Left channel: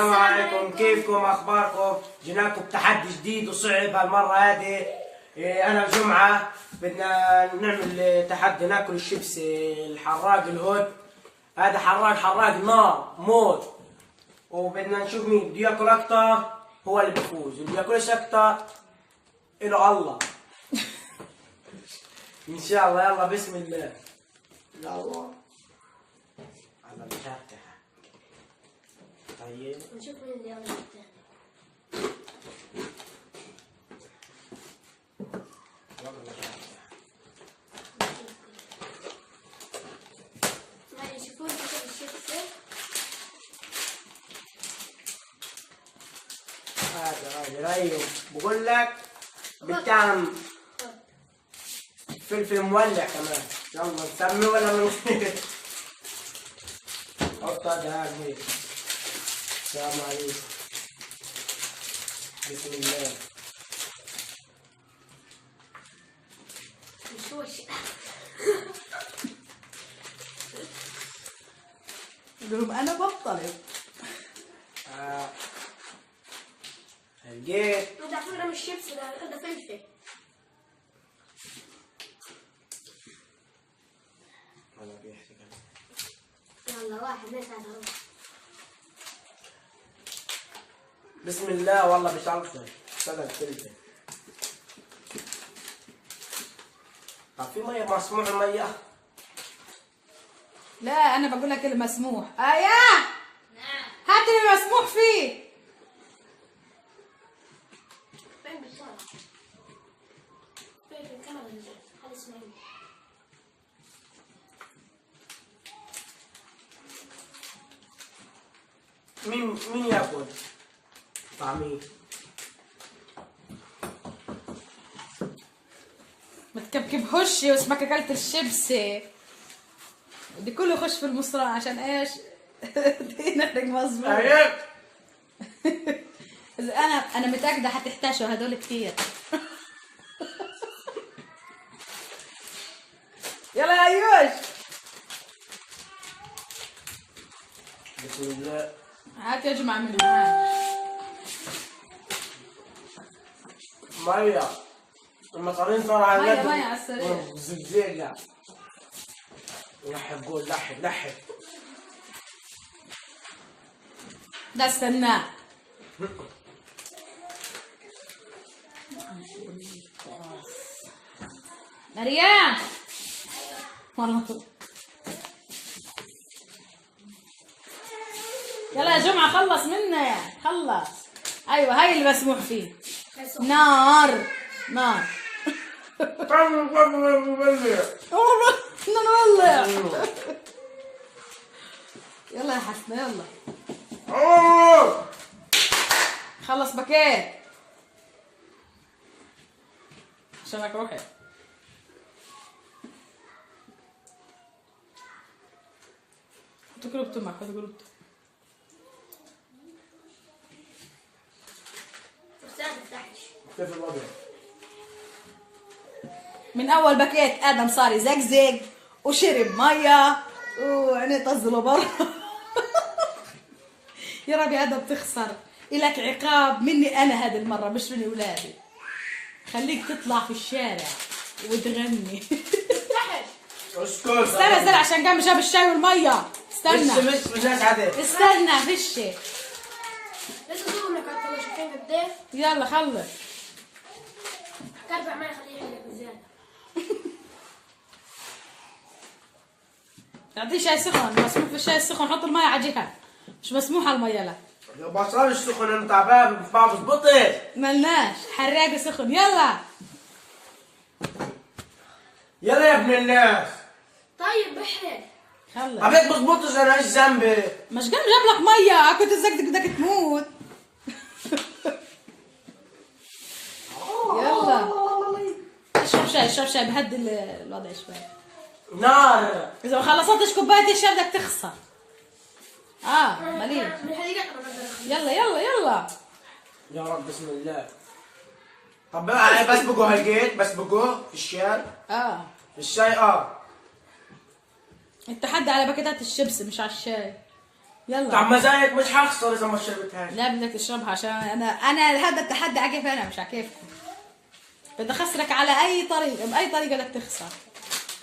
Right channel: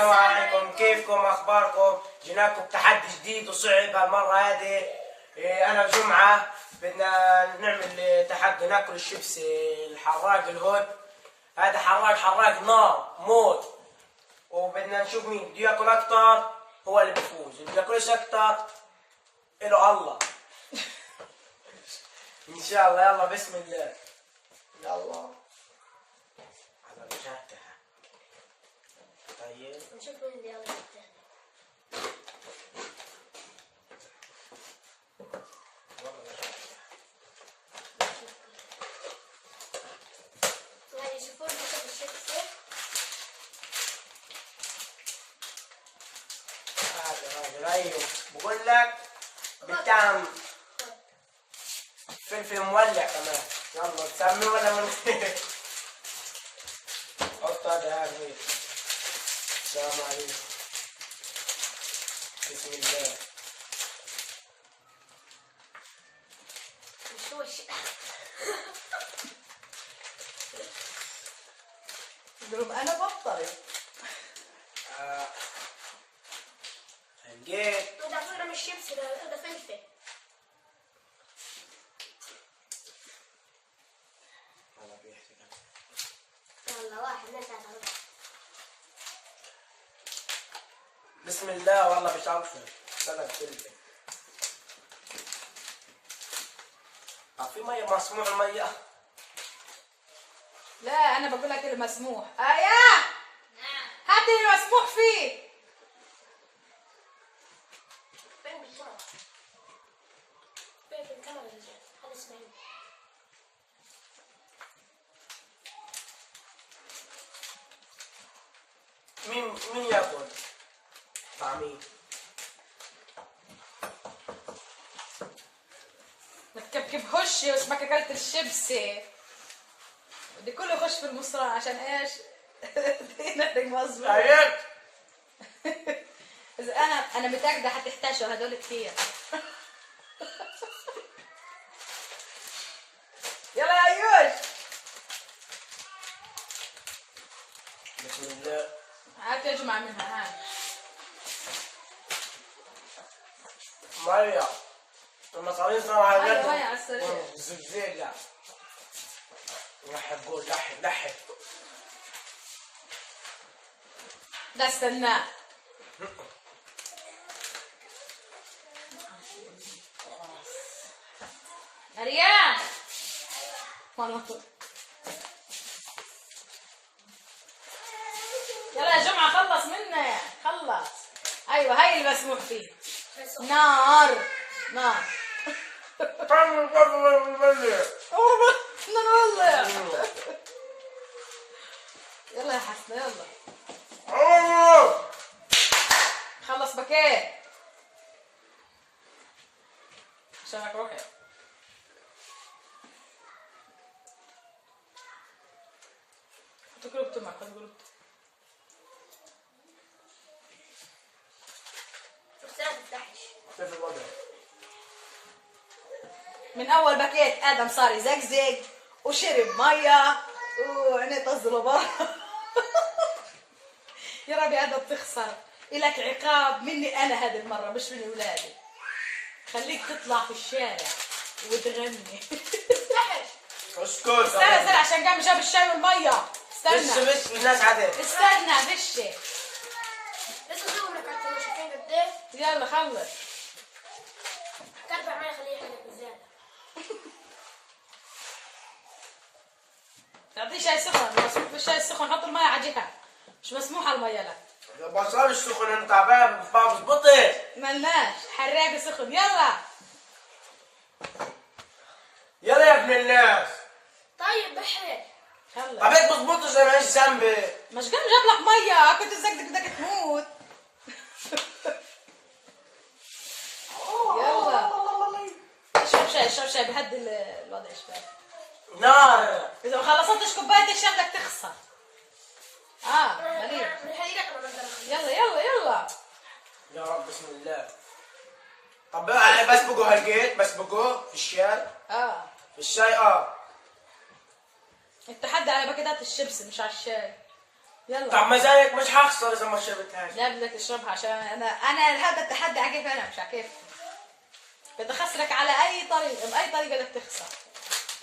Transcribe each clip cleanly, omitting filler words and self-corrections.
السلام عليكم، كيفكم؟ اخباركم؟ جيناكم بتحدي جديد وصعب هالمره هذه. انا وجمعه بدنا نعمل تحدي ناكل الشيبس الحراق الهود. هذا حراق نار موت، وبدنا نشوف مين بده ياكل اكثر هو اللي بيفوز، اللي بياكلش اكثر إله الله. ان شاء الله. يلا بسم الله. يلا على مشاهدتها. طيب نشوف مين اللي يلا الثاني. والله مشاهدتها. هاي شوفوا لي كيف الشيبس. هذا رايهم بقول لك بتعم فلفل مولع كمان. يلا نسمي ولا من حط هذا هيك. السلام عليكم. بسم الله. نشوش. يقولون انا بطل. لقيت بدي اعطينا من الشيبس ده فلفل. والله بيحكي كمان. يلا 1 2 3 4. بسم الله. والله بتعرفن صدق فلفل. في ميه مسموح الميه؟ لا انا بقول لك المسموح. اياه هات اللي مسموح فيه. فين بالطلع؟ فين الكاميرا اللي جاي؟ هذا اسماعيل. مين ياكل؟ طعمي ما تكبكبهوش واسمك اكلت الشيبسي. بدي كله يخش في المصران عشان ايش؟ دينك مظبوط. طيب اذا انا متاكده حتحتاجوا هدول كثير. يلا يا ايوش. بسم الله. هات يا جماعه من هنا. ميه المصارين صار على مية قدهم. على السريع. زلزال. لحب قول لحب. لا استناه. مريم والله. يلا يا جمعة خلص منه خلص. ايوه هاي اللي مسموح فيه. نار نار. نولع. يلا يا حسن يلا. خلص باكيت عشانك روحي. تقرب تمك تقرب. بس ما تفتحش. كيف الوضع؟ من اول باكيت ادم صار يزقزق وشرب ميه وعينيه طزله برا. يا ربي ادم تخسر. الك عقاب مني انا هذه المره مش من اولادي. خليك تطلع في الشارع وتغني. تفتحش. اسكت. استنى عشان قام جاب الشاي والميه. استنى مش الناس عادة. استنى فشي. لازم تجيبهم لك على التلفزيون. شايفين قد ايه؟ يلا خلص. كربع معي خليه يحلق بزياده. تعطيه شاي سخن. مسموح في الشاي السخن. حط الميه على جهه مش مسموح على الميه. لا يا بصل السخن انت عباب ما بظبطش. ملناش حراقه سخن. يلا يلا يا ابن الناس. طيب بحرق. خلص. عبيك بظبطش انا ايش ذنبي؟ مش قام جاب لك ميه كنت زقدك بدك تموت. يلا اشرب شاي بهدي الوضع شوي. نار. اذا ما خلصتش كوبايه الشاي بدك تخسر. مليح. من الحقيقه انا بقدر اخليه. يلا يا رب بسم الله. طب بسبقوا هالجيت بسبقوا في الشاي. في الشاي التحدي على باكيتات الشيبس مش على الشاي. يلا. طعم مزايك مش حخسر اذا ما شربتهاش. لا بدك تشربها عشان انا هذا التحدي على كيف انا مش على كيف. بدي اخسرك على اي طريقه، باي طريقه بدك تخسر.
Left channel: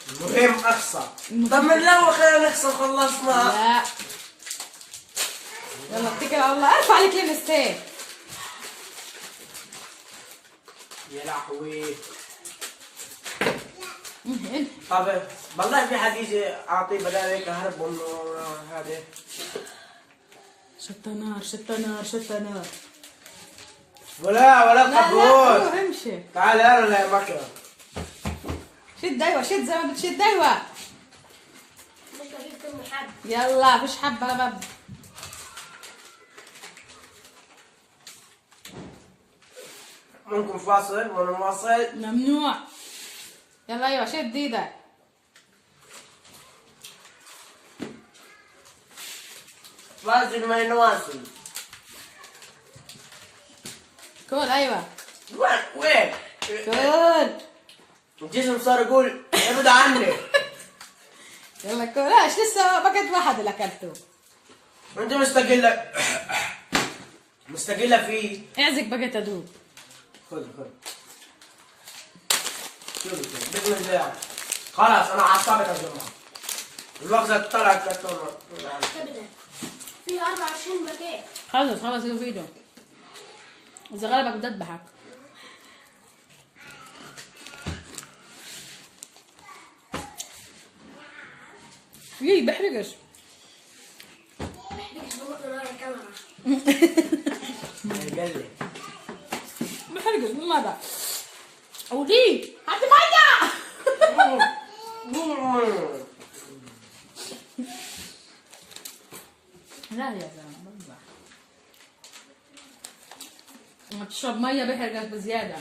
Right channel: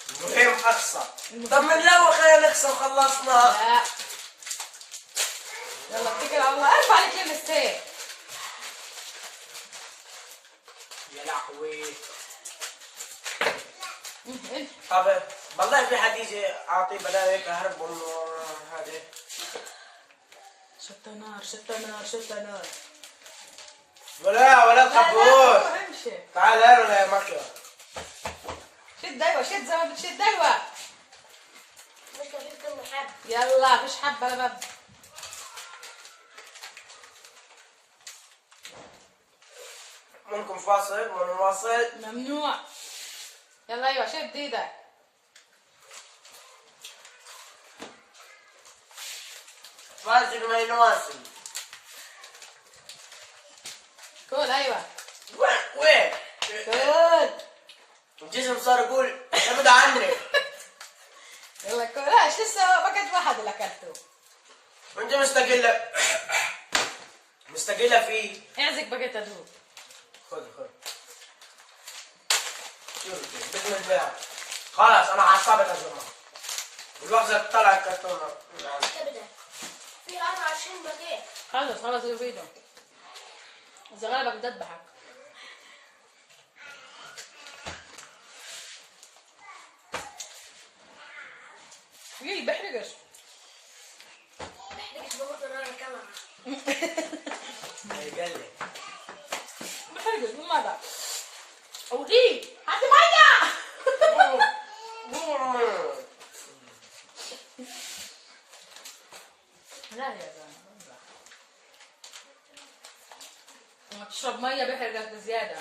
المهم اخسر. طب من الاول خلينا نخسر خلصنا. لا يلا اتكل على الله، ارفع عليك الستيك. يا لهوي. انت طب والله في حد يجي اعطيه بدل هيك اهرب من هذا. شتى نار شتى نار شتى نار. ولا لا قبول. امشي. تعال انا يا مكره. شد ايوه شد زي ما بتشد ايوه. مش كفيف كم حد. يلا فيش حبه باب. ممكن فاصل ونواصل. ممنوع. يلا ايوه شد ايدك. فاصل ما ينواصل. كول ايوه. وين؟ كول. الجسم صار يقول ابعد عني. يلا كول. ايش لسه باكت واحد اللي اكلته. انت مستقلة. مستقلة فيه. اعزك باكت ادوب. خذ. شوف بسم الله. خلاص انا عصبت يا جماعة. الوقت طلع كرتونة. تبدأ. في 24 باكيت. خلص اللي في ايده. اذا غلبك بذبحك. يي بحرقش. محتاج تظبط نار الكاميرا. قال لي. بحرقش من ماذا؟ ودي هات الحاجة. لا يا زلمة لما تشرب مية بحرقك بزيادة.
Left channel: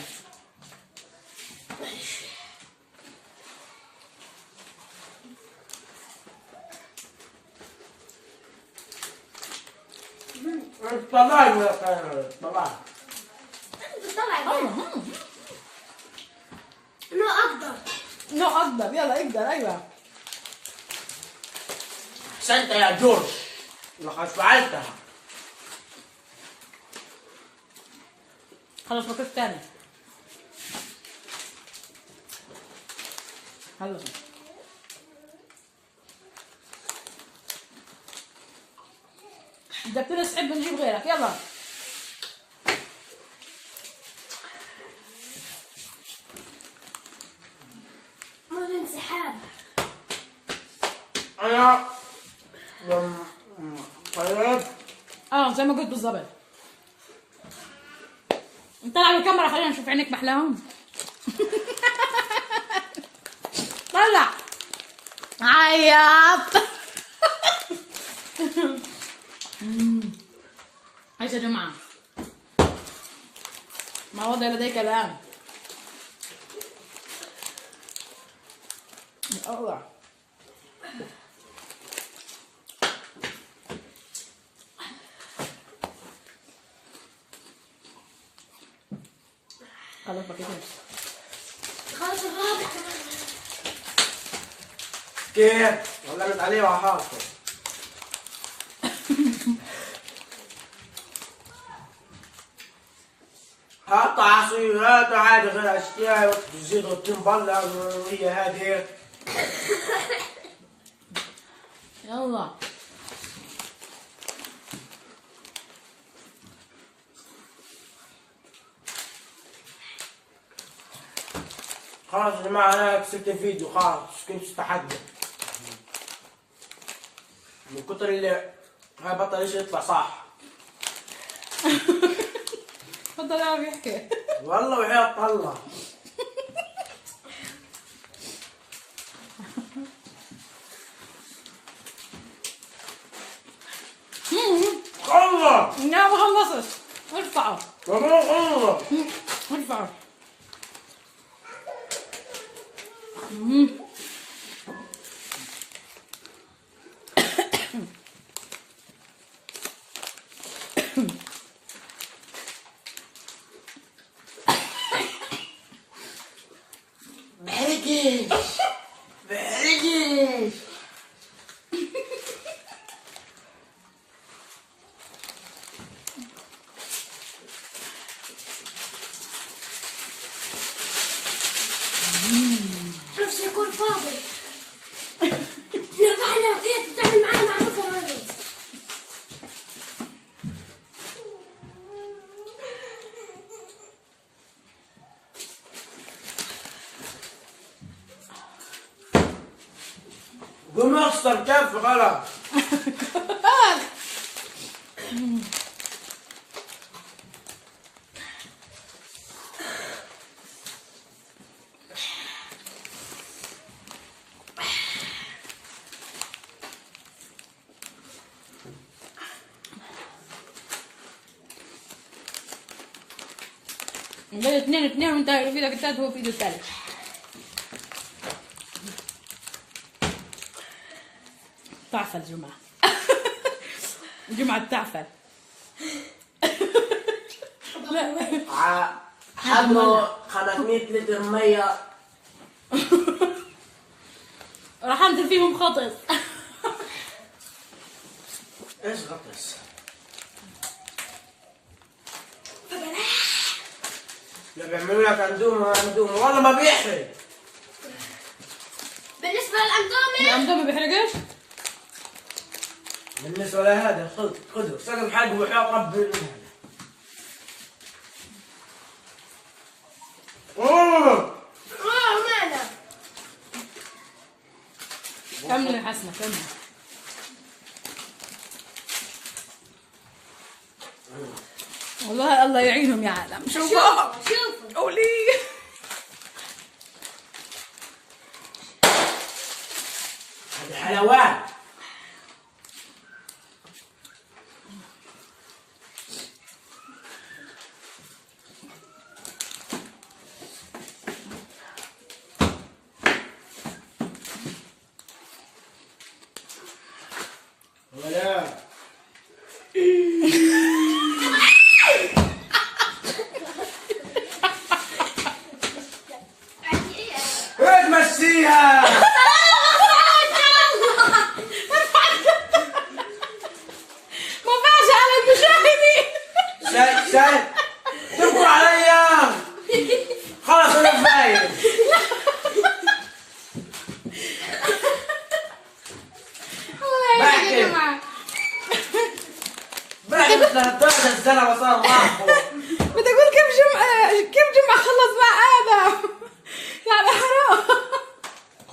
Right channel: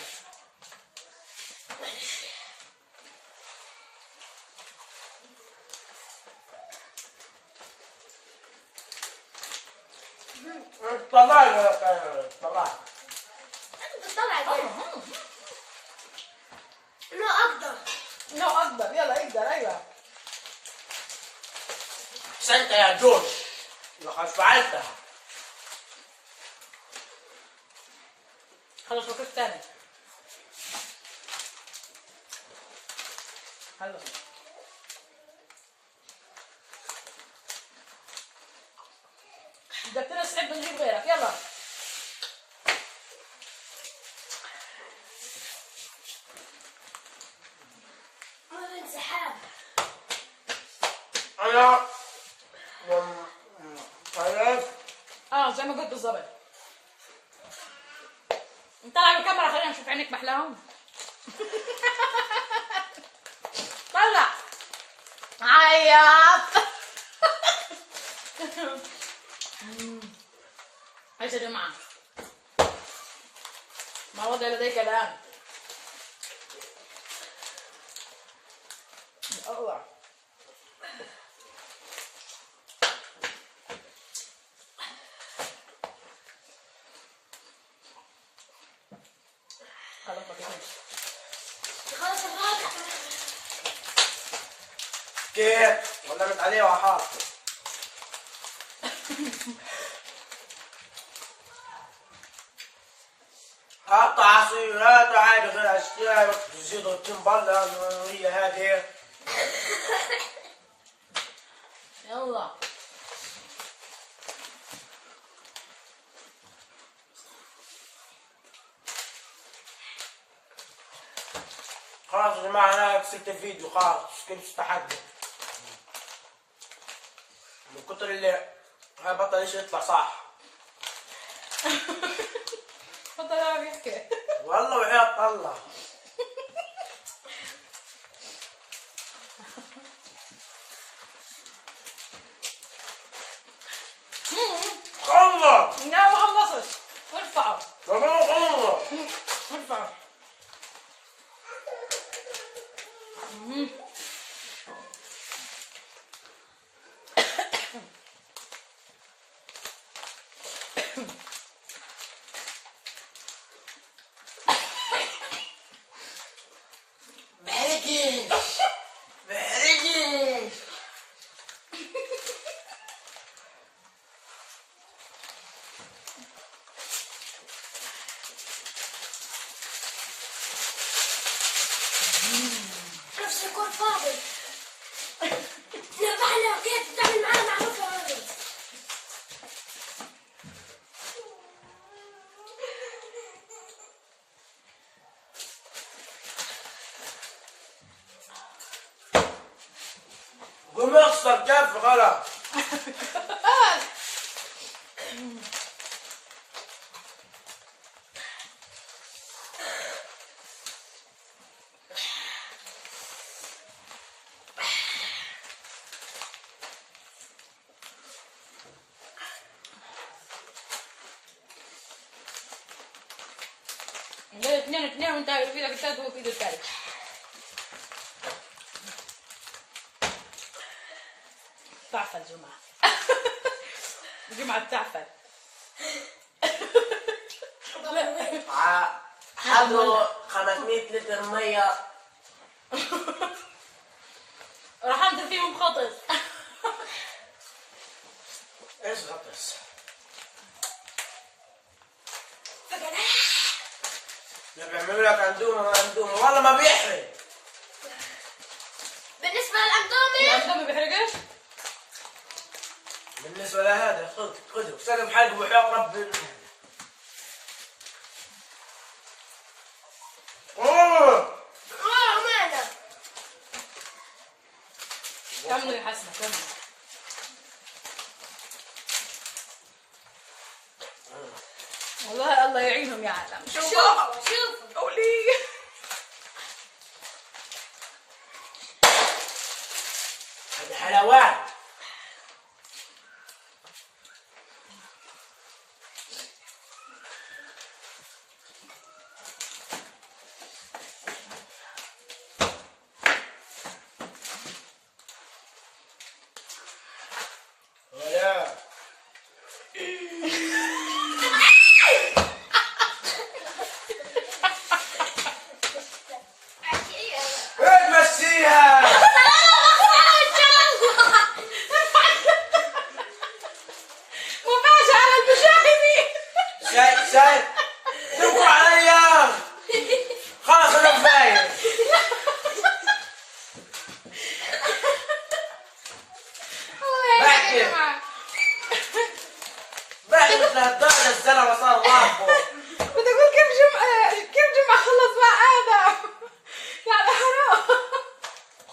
طلع. انت بتطلع الجنة. انه اقدر. لا اقدر. يلا اقدر ايوه. احسنت يا جورج. لقد فعلتها. خلص وقف تاني. خلص. بدك تنسحب بنجيب غيرك. يلا. ما في انسحاب. انا طيب. زي ما قلت بالضبط. طلع الكاميرا خلينا نشوف عينيك محلاهم. طلع. عيط. ايش يا جماعة؟ ما وضع لديك الآن؟ الله. خلاص بقيت. خلاص الرابع. كيف؟ ولمت عليه وحاطه. حط عصيرات عادي غير اشياء تزيد وتنبلع هي هذه. يلا. خلاص يا جماعة انا كسبت الفيديو خلاص كنت استحقه. من كتر اللي هاي بطل ايش يطلع صح. تفضل انا بيحكي. والله وحياة الله. الله. لا ما خلصش. ارفعه. الله. ارفعه. بحرقش بحرقش. قوم اخسر كف خلاص. اثنين وانت في ايدك الثالث وهو في ايده الثالث. تعفل جمعة. جمعة بتعفل. حضروا 500 لتر ميه. راح انزل فيهم خطس. ايش غطس؟ لا بيعملوا لك اندومي والله ما بيحرق. بالنسبة للأندومي الأندومي بيحرقش؟ بالنسبة لهذا خذوا سلم حلق وحق رب. ماذا؟ كمل يا حسنة كمل. والله الله يعينهم يا عالم. شوفوا قولي. هذا حلوان. ولا تمشيها. مفاجأة على المشاهدين. شايف تبكوا عليا. خلاص انا كفايه. بحكي مثل هالدرجه الزلمه صار ضعفه. بدي اقول كيف جمعة خلص مع ادم. يعني حرام.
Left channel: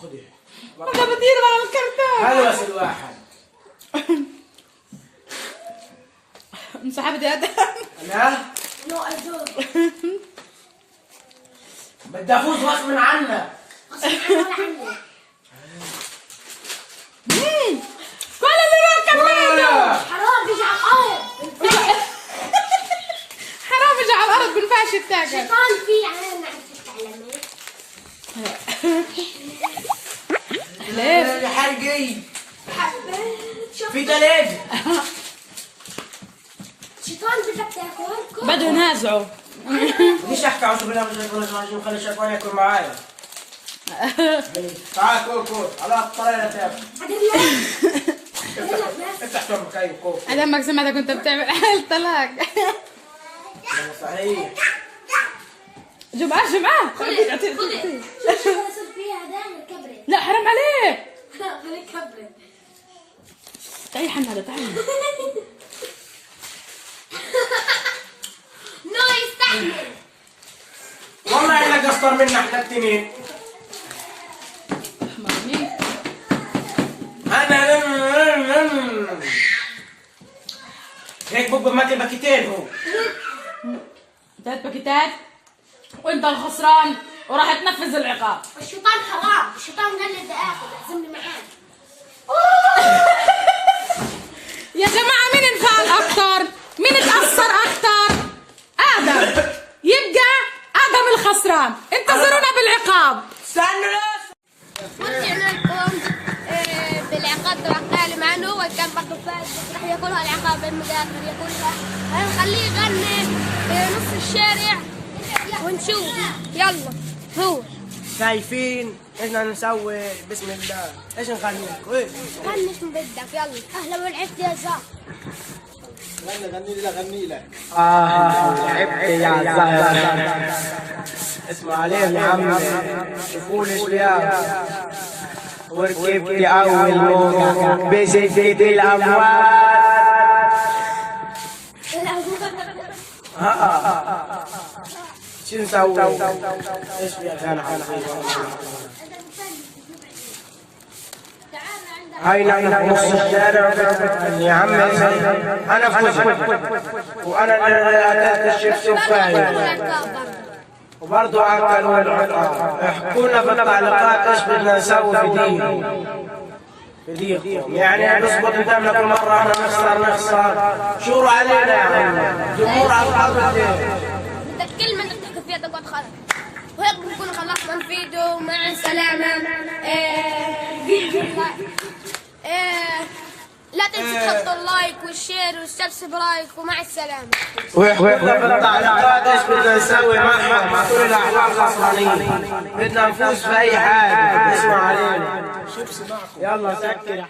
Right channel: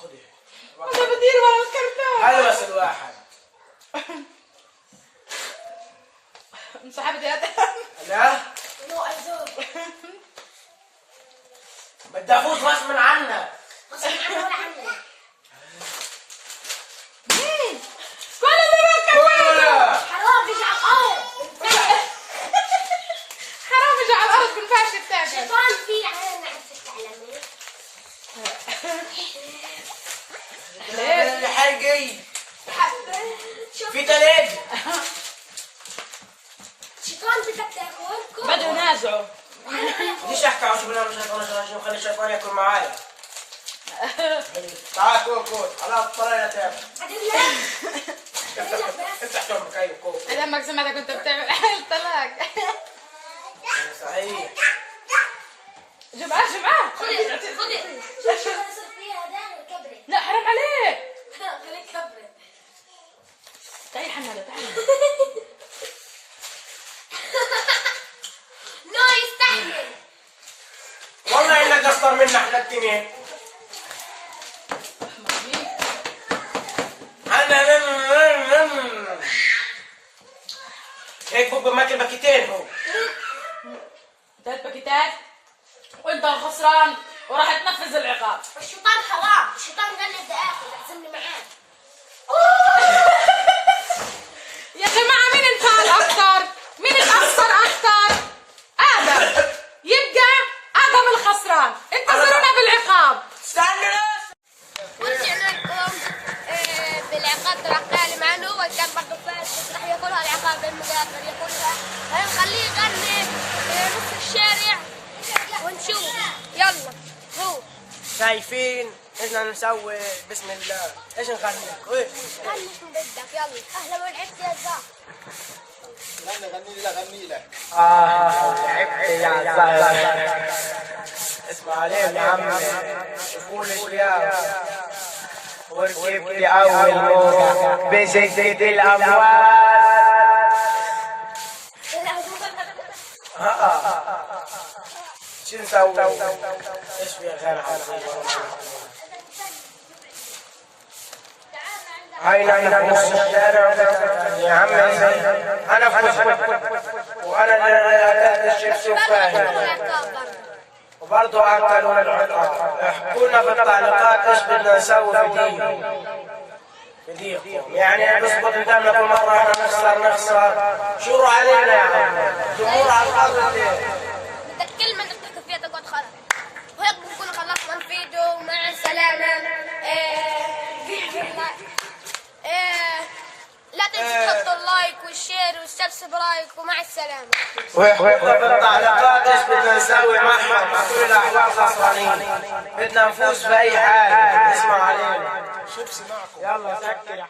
خذي انت بتدير مع الكرتون. هذا بس الواحد. انسحبت يا ادم. لا نو أيدور. بدي افوز غصب عنك. غصب عني ولا عني. كل اللي راكب كولا حرام بيجي على الأرض. حرام يجي على الارض بنفعش التاجر. شيطان في عين عرفت تعلمي. ليه حرقي حبيت شوف في تلج. شيطان بدك تاكل. بده ينازعوا. ليش احكي عن شغلنا مش خلي الشيطان ياكل معايا. تعال كول على الطريقه تاكل. افتح تمك اي كول. انا لما سمعتك كنت بتعمل قلت لك. صحيح. جمعة خذي شوف شو صار فيها هذا كبرت. لا حرام عليك. خليك كبرت. تعالي حنادة تعالي. نو يستحمل. والله انك اشطر منا احنا الاثنين. مامي هيك بقى ماكل باكيتين هو. 3 باكيتات وانت الخسران وراح تنفذ العقاب. الشيطان حرام. الشيطان قال لي بدي اكل اعزمني معاه. يا جماعة مين انفعل أكثر؟ مين اتأثر أكثر؟ آدم. يبقى آدم الخسران. انتظرونا بالعقاب. استنوا ناس. ورجعنا لكم بالعقاب راح كان معنا هو كان برضه فاز بس راح ياكلها العقاب المقابل ياكلها. هنخليه يغني نص الشارع ونشوف. يلا هو شايفين ايش بدنا نسوي؟ بسم الله ايش نغني لكم؟ ايش؟ غني من بدك يلا. اهلا ولعبت يا زهر. غني لك لعبت يا زهر. اسمع عليهم يا عم. شوفوا لي شوية. وركبت أول مرة بشدة الأموال. شو نسوي؟ ايش فيها كان هاي نص الشارع يا عمي. انا فزت وانا اللي اكلت الشيبس وفاهم، وبرضه اكلوا العقاب. احكوا لنا في التعليقات ايش بدنا نسوي في ديكم. يعني نصبر قدامنا كل مره احنا نخسر شوروا علينا يا عمي. جمهور على الارض بدك كلمه انك تحكي فيها تقعد خلاص. وهيك بنكون خلصنا الفيديو. مع السلامه. لا تنسوا تحطوا اللايك والشير والسبسكرايب. ومع السلامه. ويحكوا في التعليقات ايش بدنا نسوي معهم، مع كل الاحوال خسرانين. بدنا نفوز في اي حاجه. اسمع علينا. يلا سكر.